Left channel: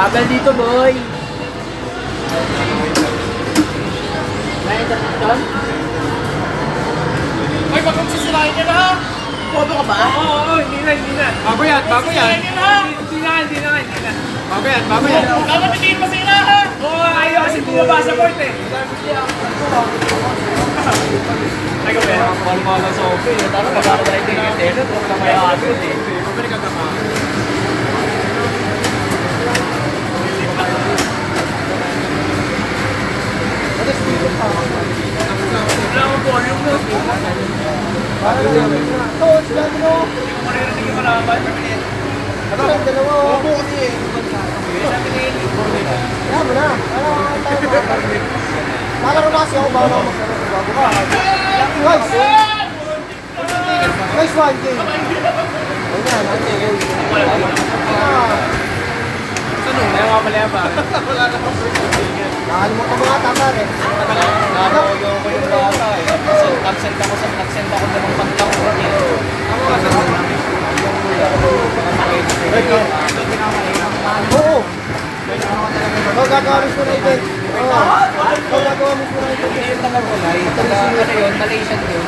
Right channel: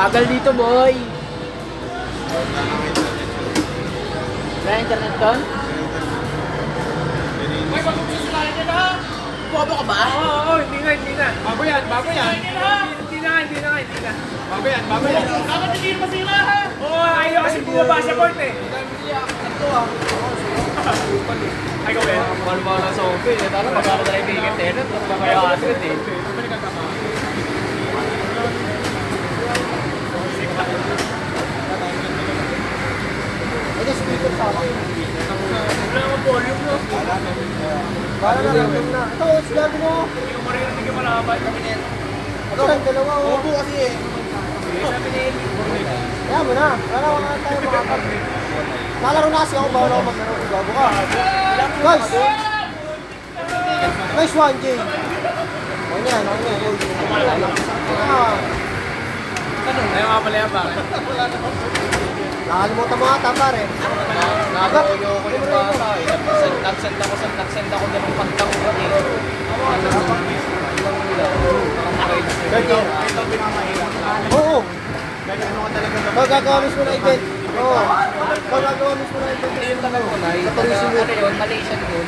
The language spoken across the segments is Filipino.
Bagal dito, boy. May-internet doon? Ay, bakit sisirahin niya na ha? Bobo ka ba? Oo, hindi na. Bago yan. Hindi na. Bago yan. Dapat hindi masira ha? Oo, ayaw kasi bumaba sa court eh. Ay, go Ben. Mahal-mahal sa open eh. Tara, magkakagay din yung internet. Huwag na may akin eh. Wala akong volume no. Hindi ko maririnig yung malaban. Sabi ni Eli. Nice one, Jay. Kaya nga pala ba? Ano ka mga tama rin? Nakadoyo ko yung bata eh. Nag-send ako namang pagtang ko eh. Oo. Oo, gagawin mo na ito. Oo. Gagawin mo na ito. Yun talaga na. Yung taga, ano yun, Malaysian yun.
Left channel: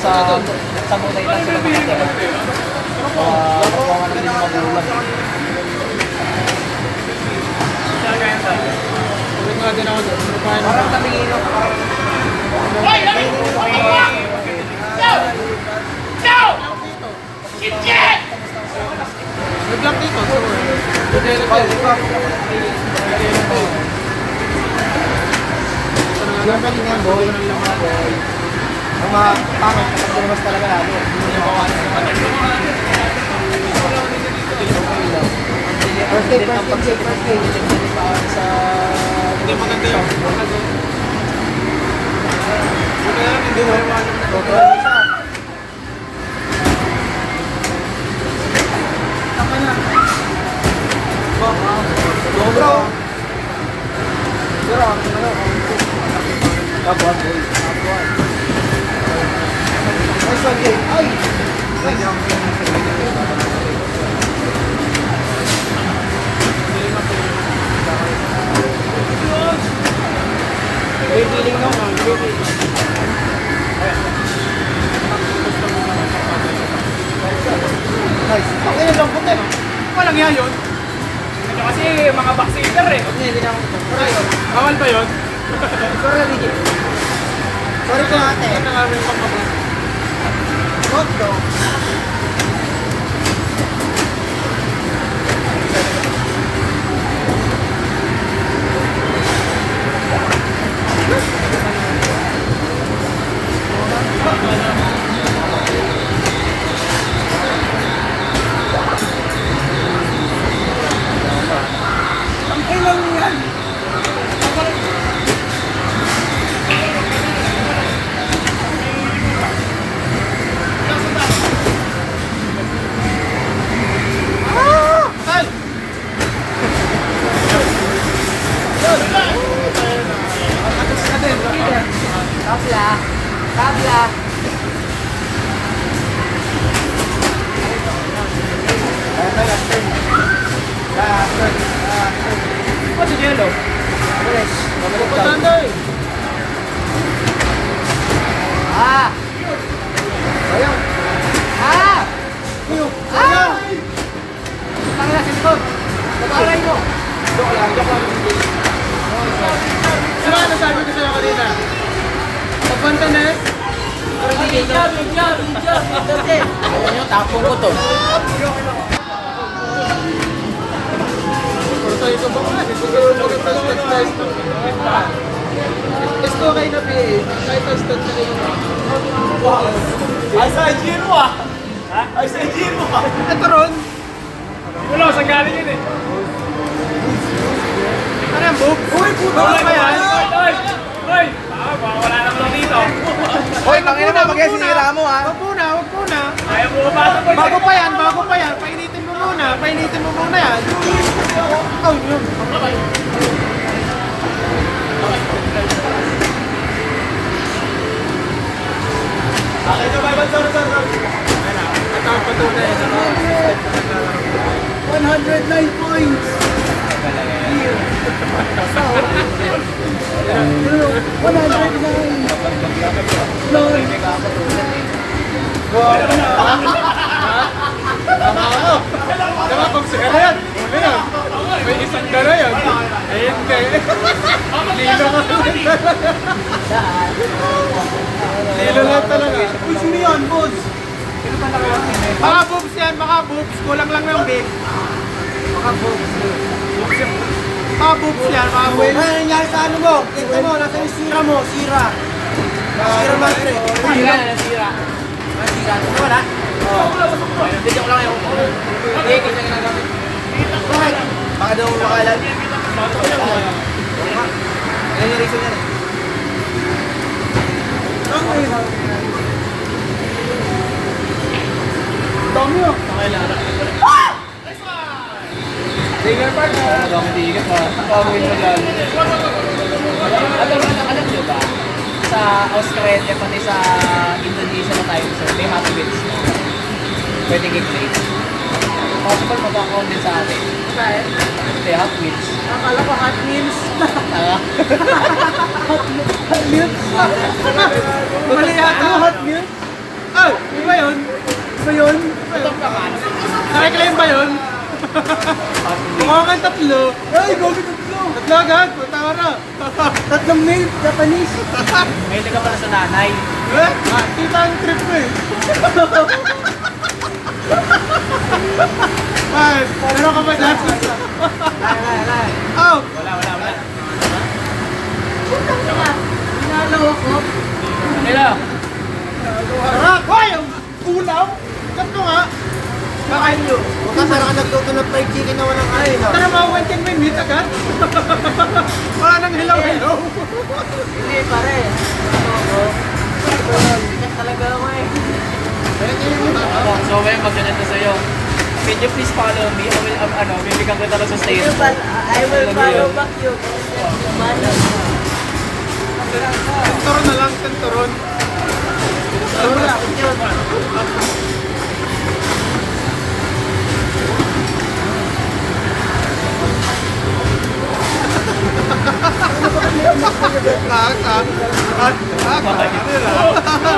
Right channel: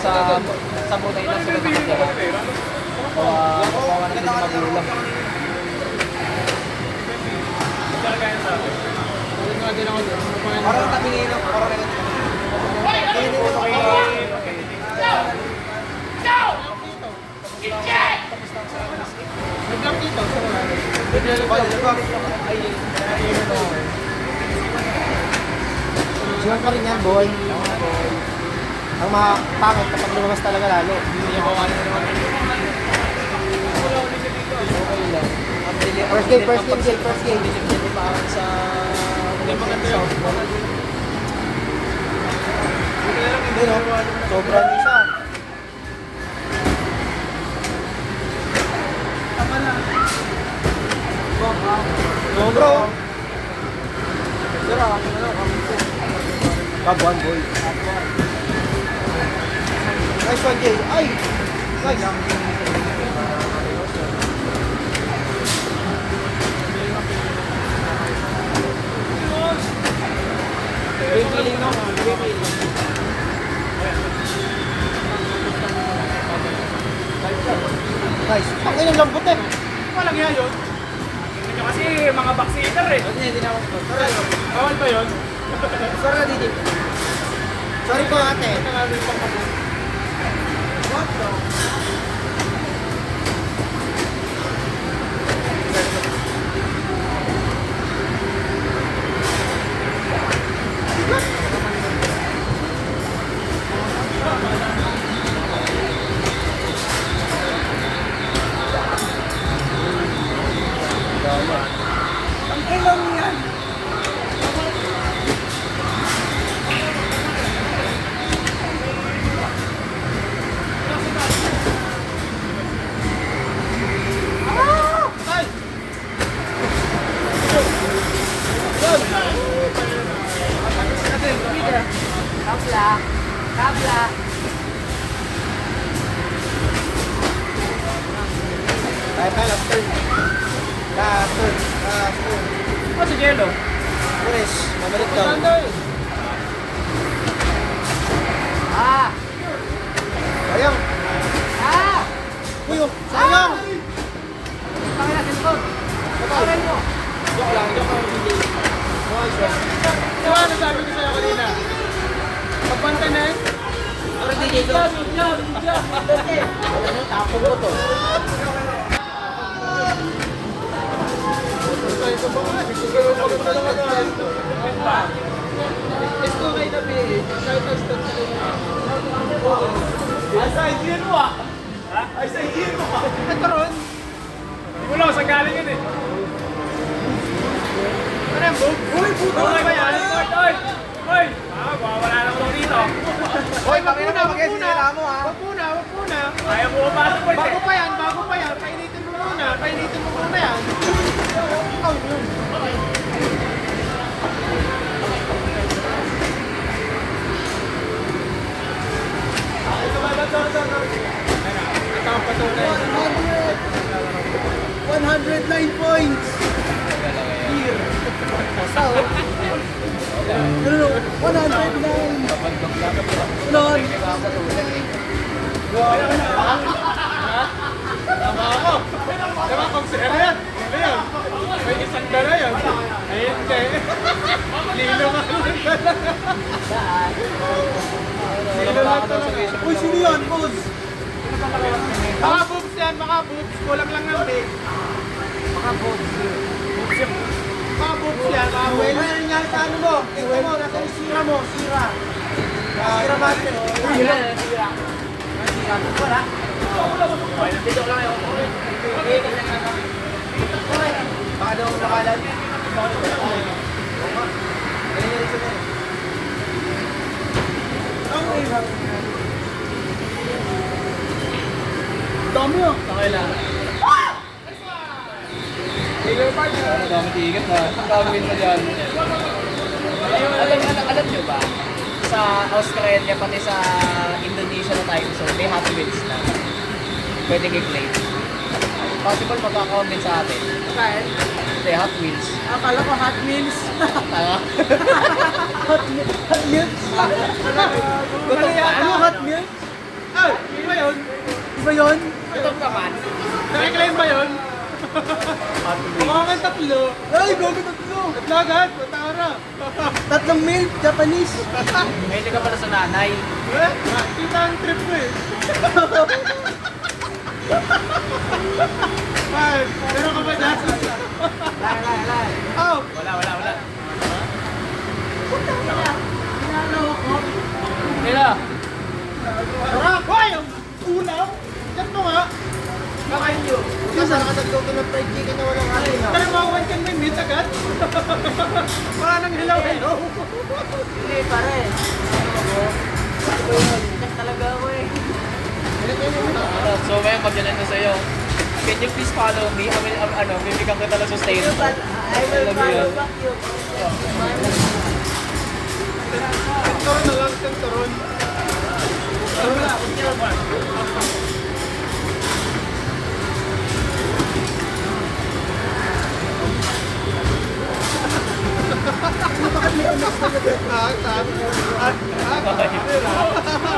Sa Bunay na sila nakagala. Kawawa naman yung magulang. Kaya sa akin. Ulit nga din ako dyan. Parang kami ngayon. May block dito. So, bigay na tayo. Ang galing yan, boy. Ang mga pangit, mas talaga yan. First game. Hindi maganda yun. Hindi mo naman. Bro. Nice one, Jay. Ay! Nice. Ayun lang, puti. Walang yan yun. Ito kasi mga backseater eh. Hindi na ako. Tara yun. Bawal pa yun. Sorry, Riggy. Sorry ka, ate. Ito nga rin pang kapit. Hot dog. Ang kailan mo yan? Tabla. Ano si Jello? Yes. Pagkanda eh. Ah! Ayun. Ah! Kuyo. Ah! Tangina, cellphone. Aray mo. Sino ano sabi ko sa'yo kanina? Pagbanta na eh. Ayun yung tapong ko to. Pero sa'yo ko ba nga? Siguro maganda sa stats. Ito kayo na eh. Kahit ang stats kayo. Ay, sa Giro ah. Ha? Ay, sa Giro ah. Ito ron. Hindi mo lang saan galing yun eh. Ano yan, Bob? Uy, puto Oy, ba yan? Oy! Wala naman lang dito. Uy, wag muna, mo ha. Wag muna. Ayaw mo pasok boys Bago eh. pa yan. Painitin mo muna yan. Oh, yun. Ito ang patunay. 109 points. May isang dala yun. Ayun kayo. Lilo ka lang talaga. Daan. Lilo lang talaga. Uy, sino yan, boss? Sino ba nakawag na yun? Mga boobs yan, mga boobs. Kulang lang ng big. Mga boobs. Mga boobs yan, mga Uy, boobs. ano nangyari sa ano mo? Tingnan mo, nasa yung sira mo, sira. Sira ba, pre? Sira na nasira. Nasira. Ito wala? Oo. Dito ko lang yung hindi, kita nga naman. Bakit? Baka daw makalan. Ano yung reason yan eh? Dami yun. Nakailangan. Ang dami tigat na. Ang dami yung magaling. Alam niyo ba? Sa Australia, pati sa Indonesia na tayo, sir, may Happy Wheels na. Pwede give-plate. Possible magkakaon din sa atin. Ito yung Hot Wheels. Akala ko Hot Wheels. Tanga. Hot Wheels? Mali yata. Ano Hot Wheels? Ay, iba yun. Iba yun? Nakaklaim ba yun? Hot Wheels. Mukha kang tatlo. Ay, gogi tatlo. Tatlo agad. Tara. Tatlong male, Japanese. May ka pala sa nanay. Eh, kita ang trip ko eh. Ay, meron ka ba dyan? Lai. Oh, Wala. Pinalo ko. Nila. sarap. Hoy, ang ulam. Tatlo nga. Bakain nyo. Bukas sarang nagluto ng fried chicken na walang ay. Tara mga 110 minutes agad. Wala nang hilaw-hilaw. Hindi pare. Talaga ako eh. So ngayon magganyan ko sa'yo. Can you please follow me? Bibigyan ko talaga sa stage. I will follow back you. Turon na lang, turon.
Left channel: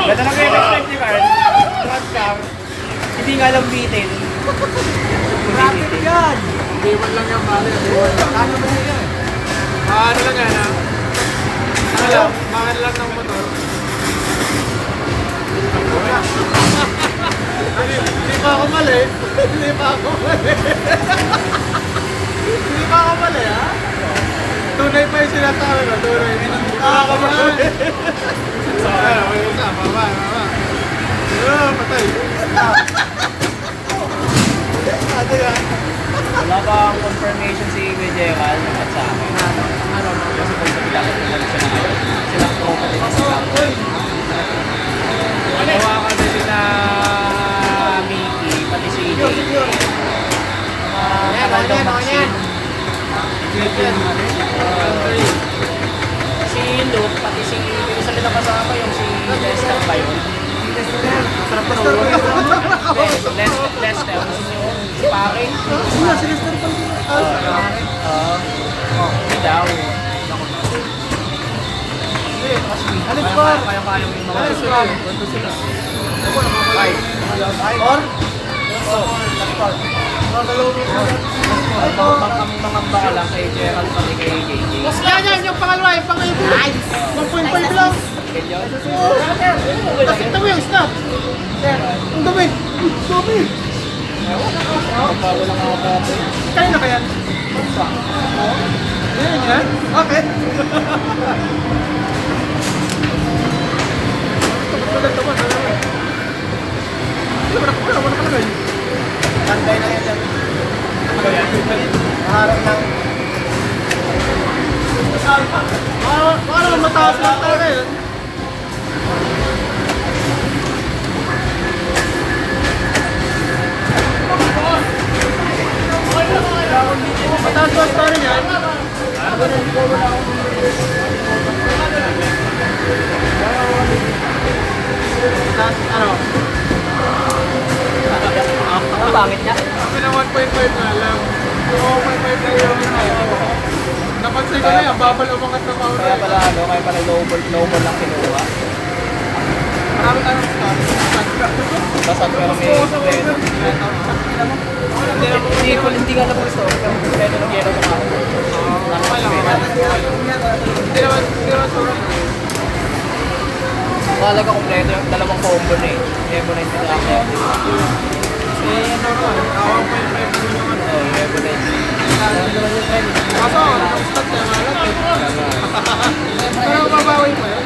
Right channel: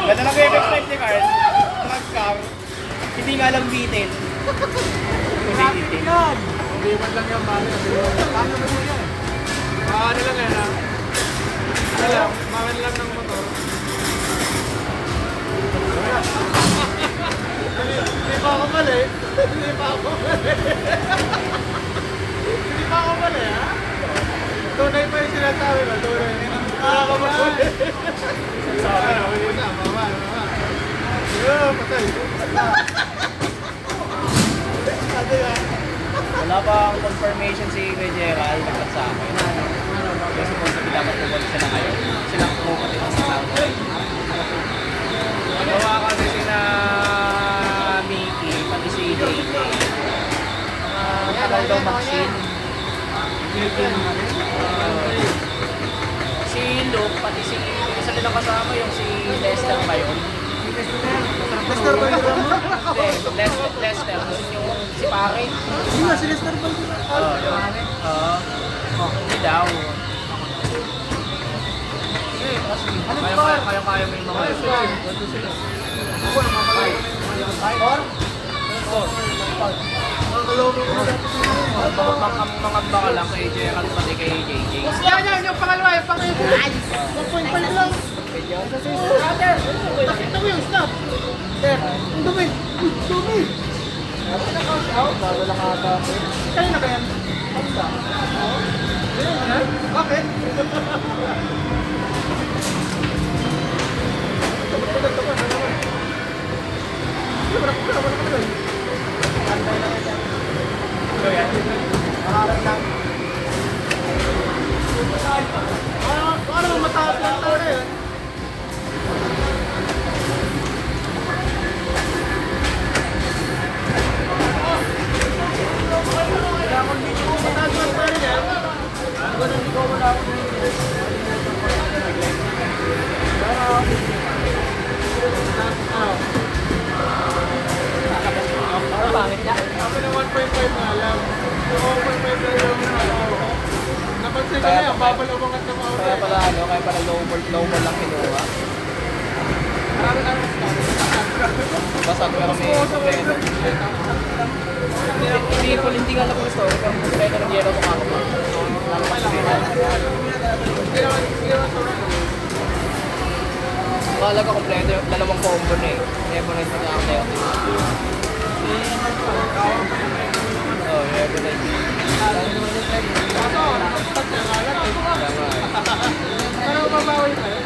Ganda na kayo expect ni Carl. Hindi nga alam bitin. Traffic yan! Iwan lang yung mali. Kano ba siya yan? Ano lang yan ha? Ano lang, bakit lang ng motor. Hindi pa ako mali. Hindi pa ako mali ha? Tunay pa yung sinasabi ko, tunay. Mali. Mama. Patay. Wala bang confirmation si Gerald at sa akin? Kasi kung dapat naman siya na ngayon. Silang tropa din sa akin. Gawa kasi sila Minty, pati si tagal daw mag-sim. Si Luke, pati si isa nila kasama yung si Lester ba yun? Lester. Si Pare. Hindi daw. Ano score? Kaya-kaya mo yung mga score. Ang mga baka lang kay Gerald pati kay KK. Mas yan, yung pangalawa, yung pang-ibo. 1.5 lang. Tapos ito mo yung stop. Ang dumi. Dumi. Kaya na ba yan? Yan yan? Bakit? Antay na yan. Ito yan. Harap lang. Ano, mataas lang talaga yun. Mataas lang story niya. Ano? Ang pangit niya. Kasi na 1.5 na lang. 1.5 na lang. Napansin ko na yan, babal umangat ng auto. Kaya pala lowball lang kinuha. Marami tayong story. Sabi ko may hindi nga na po store. Kaya nag-gero Mahalaga kompleto yung dalawang combo na eh. Ebonite na ako. Oo, Ebonite. Kaso, ang start niya nga lang eh. Pero mabawi pa yun.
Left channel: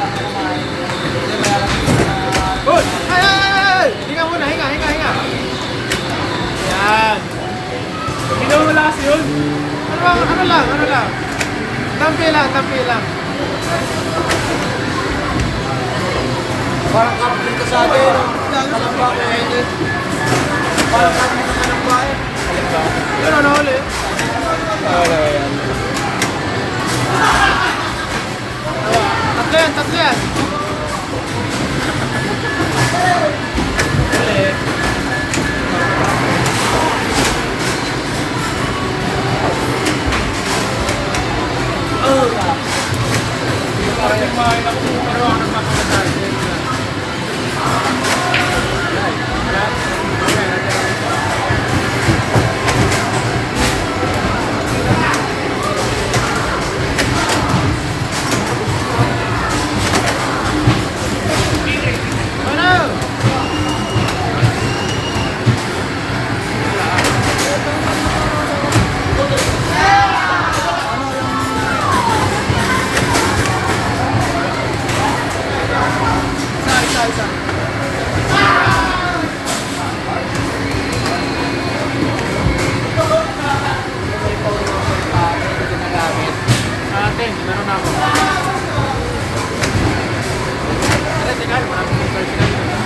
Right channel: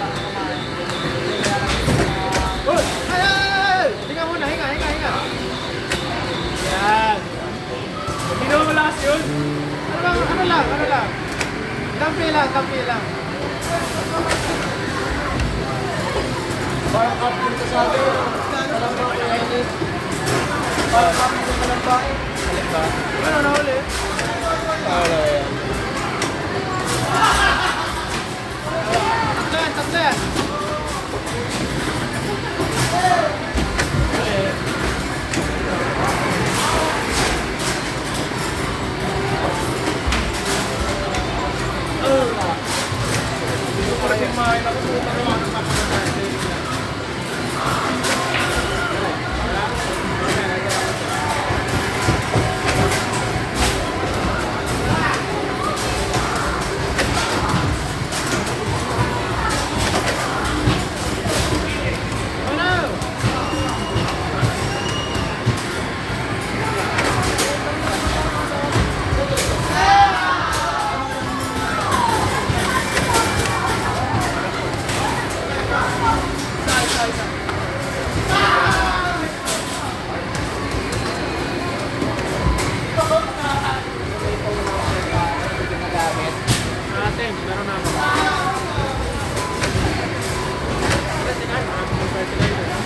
Good! Ay! Hinga muna, hinga. Yan. Hindi naman malakas yun. Ano lang. Tampi lang. Parang kapag ka sa akin. Parang bakit? Parang bakit? Yun ano huli? Wala yan. Tatlo yan. Parang kumain ako kung ano ang makakasal. Ginagamit. Ate, meron na ako. Ate, tingnan, maraming mga sila dito.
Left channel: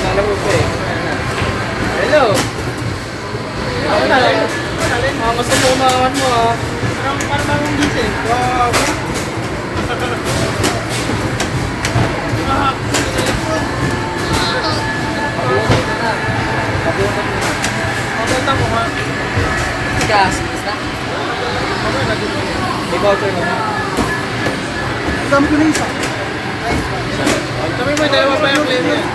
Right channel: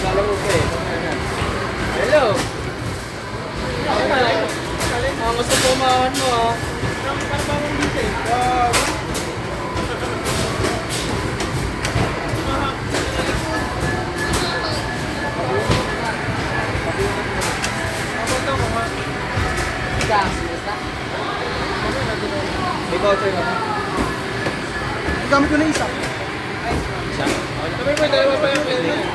Lalo mo pa eh. Ano na? Hello! Ano na? Gusto mo umawan mo ah. Parang bagong gising. Wow. Mabunta mo ha. Gas, basta. May voucher na ba? Ang dami ko na isa. Sabi mo, dalawa pa yung claim mo eh.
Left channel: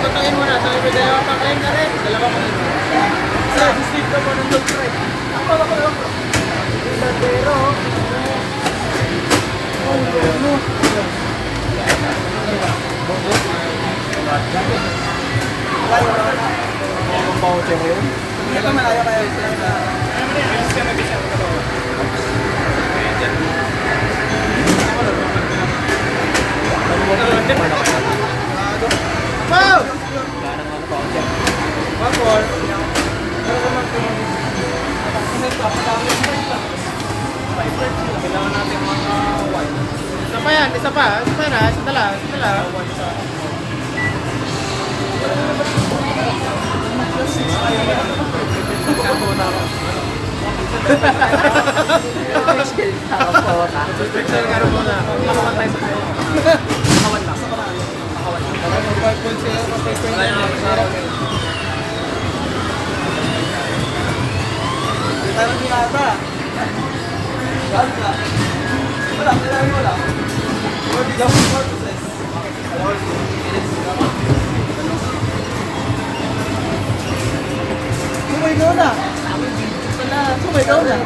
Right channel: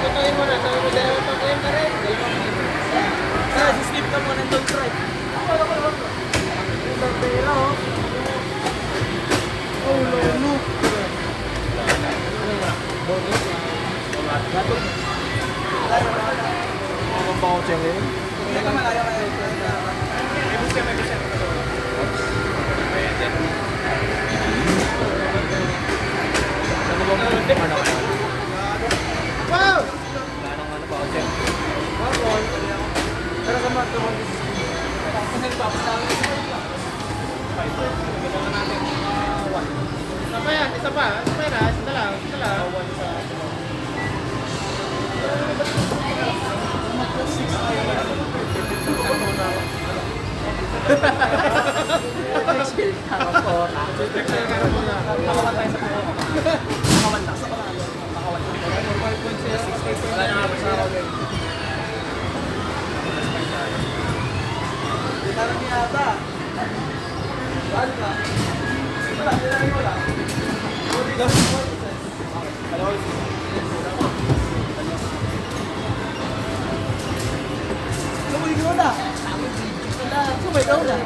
Tutayin mo na, sabi mo, dalawa pa claim na rin. Dalawa pa claim. Sir, sleep ka mo ng dog right. May voucher yun? Ito malayo kayo. Wow! Wala nang ano voucher. One more. Kailangan natin mga wine. Isa pa yan, isa pa na, isa na lang. Wine sa... Nakapota. Meron muna. Nakawan tayo sa puno. Nakawan lang. Nakawan lang. Wala nang kapos na ako yun. Parang binata. Sumigaw na. Sumigaw na.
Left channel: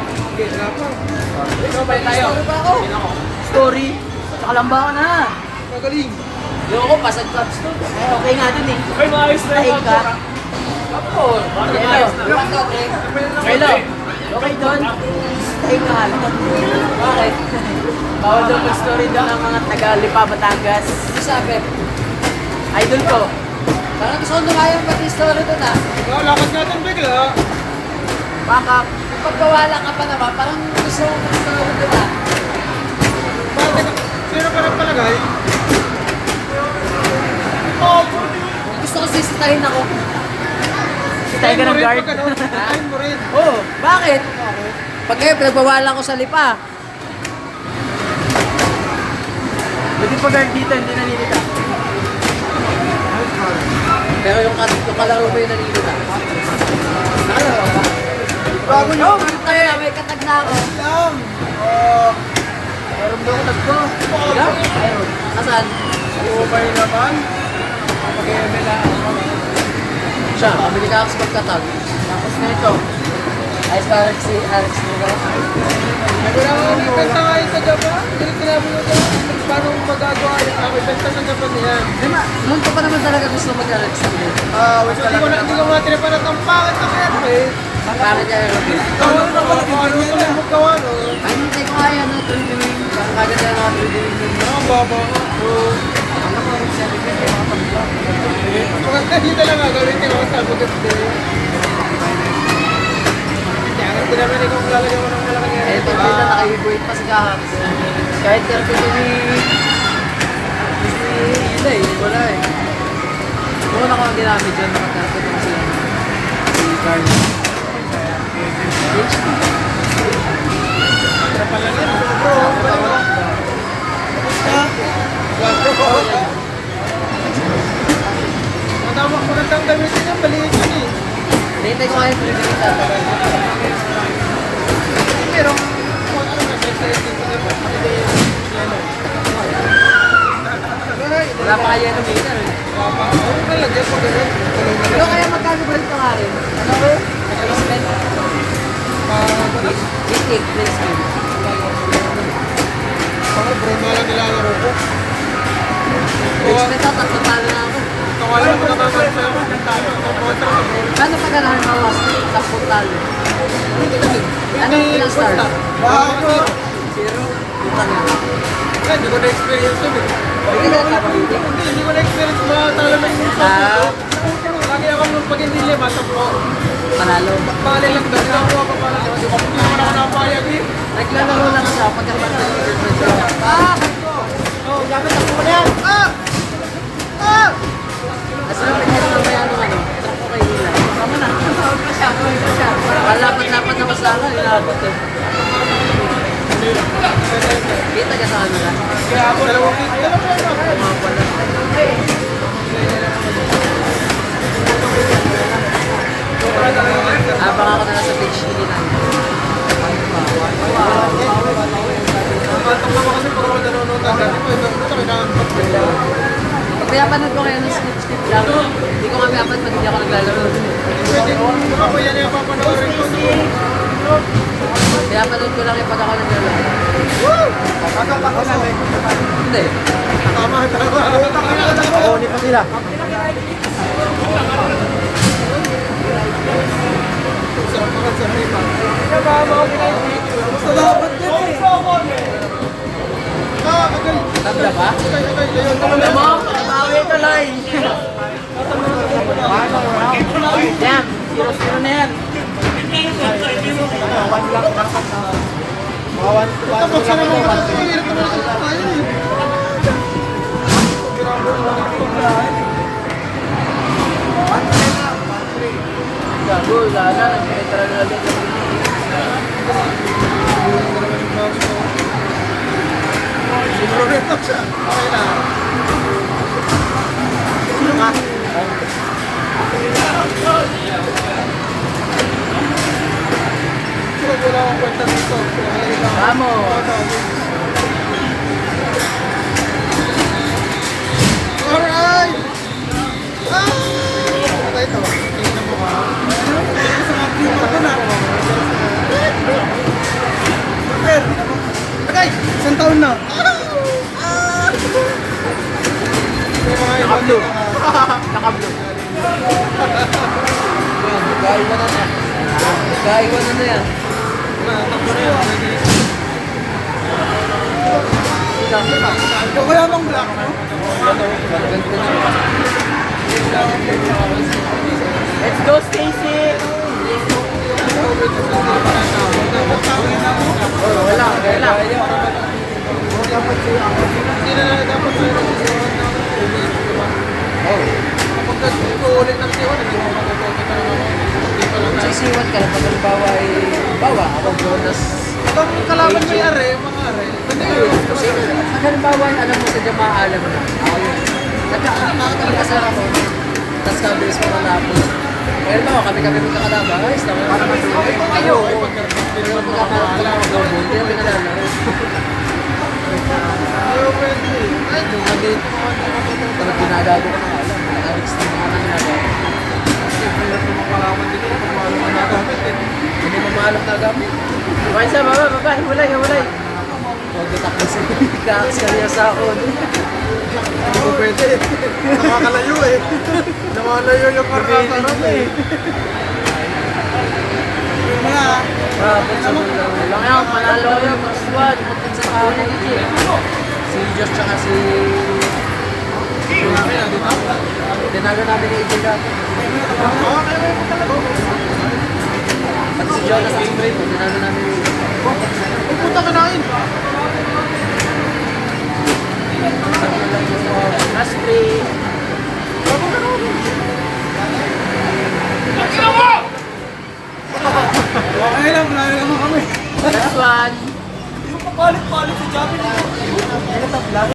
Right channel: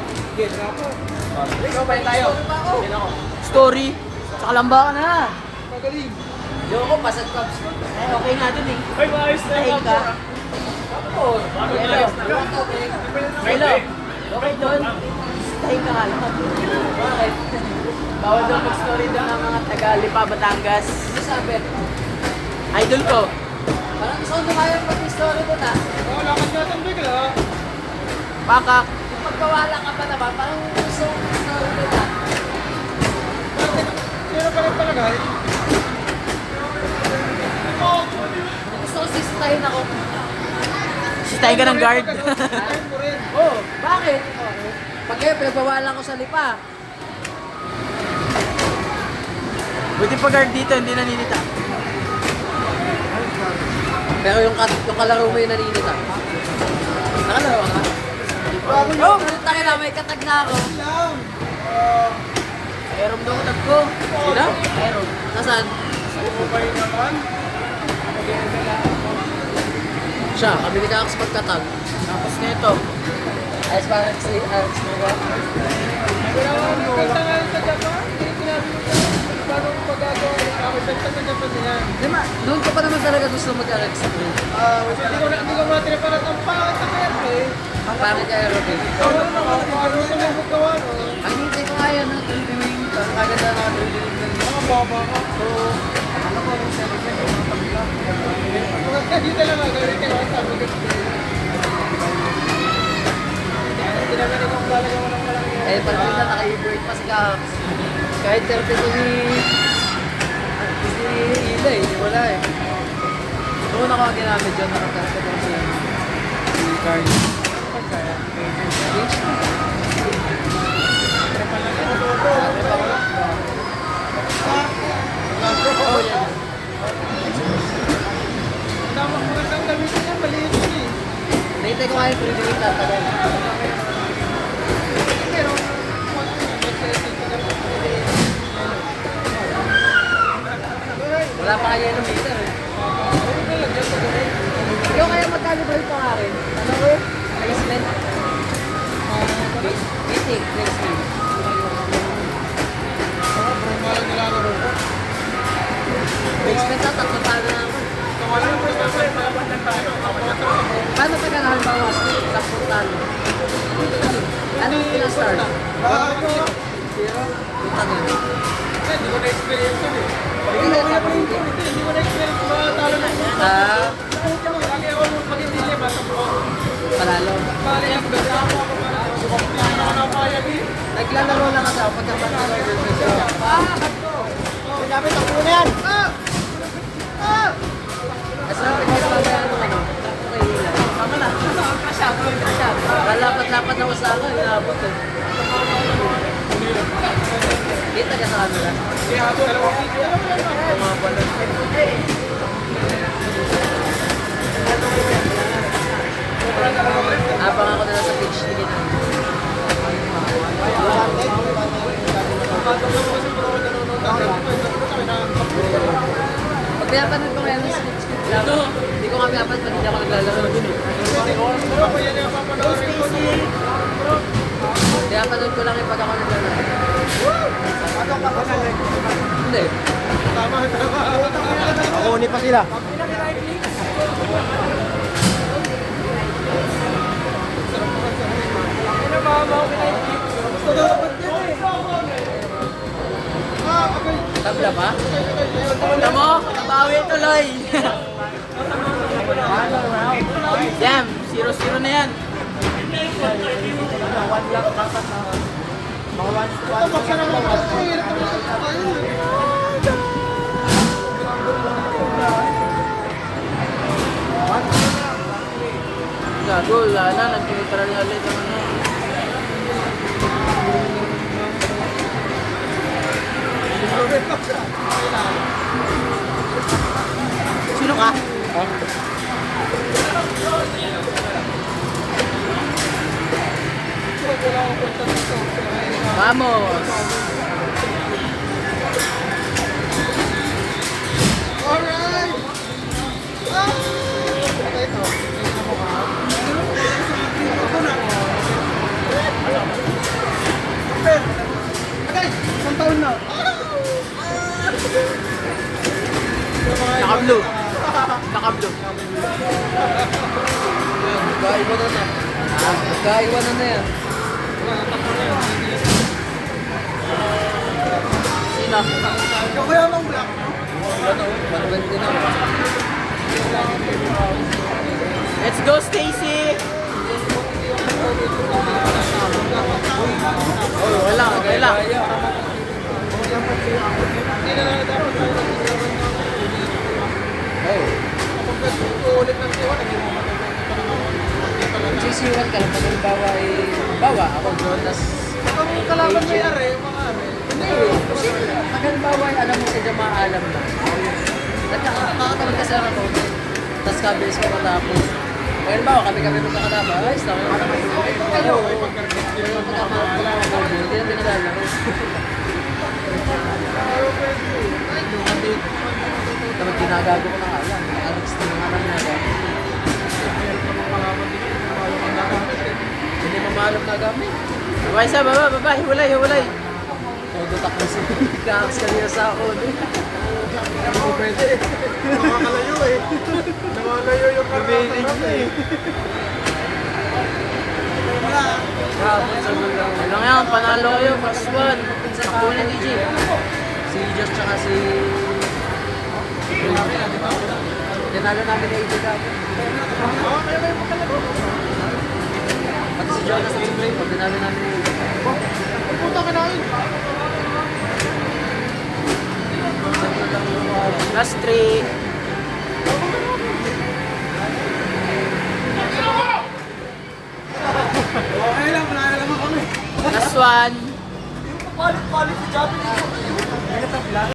Ikaw ba tayo? Hindi na ako. Story. Sa kalamba na. Magaling. Yung ako, pasag cups. Eh, okay nga dun eh. Ay, maayos na Tahig yung ka. kapor. Bakit maayos na? Hello. Okay doon. Tahig ka nga lang. Bakit? Bawal daw mag-story doon ng mga taga-Lipa, Batangas. Sabi, Idol ko. parang gusto ko nung ayaw pati story doon ah. Ikaw, lakad natin bigla. Baka. Kapag gawala ka pa naman, parang gusto ko ng story doon ah. Bakit? Sino ka rin palagay? Gusto ko sisitahin ako. Sitay ka ng guard. Sitahin mo rin. Oo. Bakit? Pag kayo, pinagbawalan ko sa lipa. Buti pa guard dito, hindi naninita. Pero yung kalaro mo yung naninita. Ano? Bago nyo. Kaya may katag na ako. Lang. Meron daw ulag ko. Ano? Meron. Nasaan? Okay naman. Siya, pabili ka ako sa pagkatag. Tapos nito. Ayos ba si Alex nila? Wala ka ngayon sa Japan. Hindi sinabi nyo na paano magagawa yung benta sa Japan niyan. Di ba, noon ko pa naman talaga gusto mag-Alex nila. Hindi ko matiniparat ang pangit na kaya eh. Bakit ka Robin? Ano tuloy mo gawa no? Ay, hindi ko kaya, no? Tuloy-tuloy. Parang kaganda nga tuloy-tuloy. Ang baba ko. Ano ko rin siya, bigyan yung mga tabla. Magkakita lang nga gawin ko sa sabi ko today. Hindi namin ito kung lalagyan mo ng malaki. Eh, pag sila naka-break pa si Kahaks. Kahit 32 ni... Hindi eh, wala eh. Noon ako ang ginamit dyan, naka-30 pa sila. Si Carl. Ang tama ko rin ang gamitin niya, balikin yun eh. Hintay ko nga yung tuloy-tuloy tatagal. Pero, kung ano nga, Wala pa kaya ng meter eh. Ano Pero kaya magkano-break pa nga rin. Ano ko? Spend. Itik, full speed. Expect ako, tatlo pala na ako. Paano pag ganahan bawas? 10 talo. Ano ilang stars? Zero? Putang na. Hindi ko na-experience yun eh. Hindi ko na-experience mga talo ng Ah, lagi ako pag hindi lima, tapo. panalo. Bali lang doon, ako ako para kasi kung hindi ako nakapayag eh. Naglalaro lang siya pag ang Barcelona girlfriend ko. Bato! Oh, nyamit ako mo na yan! As na pinito mamaya nung ano, truck ko kay Hilay. Lapat-lapat ako sa akin, inabot eh. Kita ka sa ano lang. Dalawang Yung mga balat. Abang ako na lang sa beach nila na. Nakatong naman kasi pag ako nanonood ng ganito, ito kami na Pag pinapanood ko ngayon ng skip lang, hindi ko nga pinapanood pag hindi ako naglalaro. Di ba po yan yung papanoorin ko? Pinapanood ko lang yung pag ako naglalaro. Hindi. Tama, tama. Ulit na sila. Sarap pa sa harima. Gusto dapat din eh. Agay. Tabla ba? Bawi ka lang. Final round. Yan. 0-0 na yan. One lang dapat na. Ito, buksa naman ko. Ito, mahirap naman ito. Ayun eh. Gago, wala na. Nag-neutral na din. Sinurobet na siya. Okay na. Wala akong kwenta dito. Vamos. Alright! Ano ito? Tingnan mo ka. Agay! Isang taon na. Yung mga ibang blue. Naka-blue. Nagkaiwan na na. Nagkaiwan na na yan. Takbo na yun. Ito kaya bang black? Ganda na. Let's go, Stacy! Wala, wala. Dapat sa'yo ako. Hindi na lang dapat sa'yo na sisiwan ng ulit. Oh. Kapag nag-uulit ng siwan, hindi mo matutunan ka naman. Dito lang na. Sisiwan ka lang pag halimbawa ay bawa ako Jonas. Kung kalaban mo yung are, mga are. Hindi yun. Kasi pag halimbawa ay alam mo sa dyan alam na. Ako yun. Nakakatabi kasi ako. Tapos kabilis pa matapos. Kaya halimbawa kami magkakalaban. Ayos lang. Para matuloy. Kayo. Pero magkakalaban ako. Hindi namin nalalaro. Ayaw pwede. Ay, dumadit. Pero ginagago ko na nga lang. Alex na mga nang ginagago. Kasi pilit naman kalaban dito kung paano ka nagamit eh. Hindi mo maalam na gamit. Okay, sa baba, baba, himulay, himulay. Pagdatak na si Kax kanina sa ako. Hindi ko pwede. Nakakalayo eh. Nakakalayo yung karnasarap eh. Rapot sa gulang. Ngayon, panalo ko yung Squad, sa kapon. Si Diyos tsaka si... Tinaga namin yung AJ dati. Pati si Jonas at si Braymo, tinaga namin yung AJ. Pupunta ka namin. Saan na lang yung mga... last 3. Okay lang, kaya naman kami. Last 1. Palit si Javi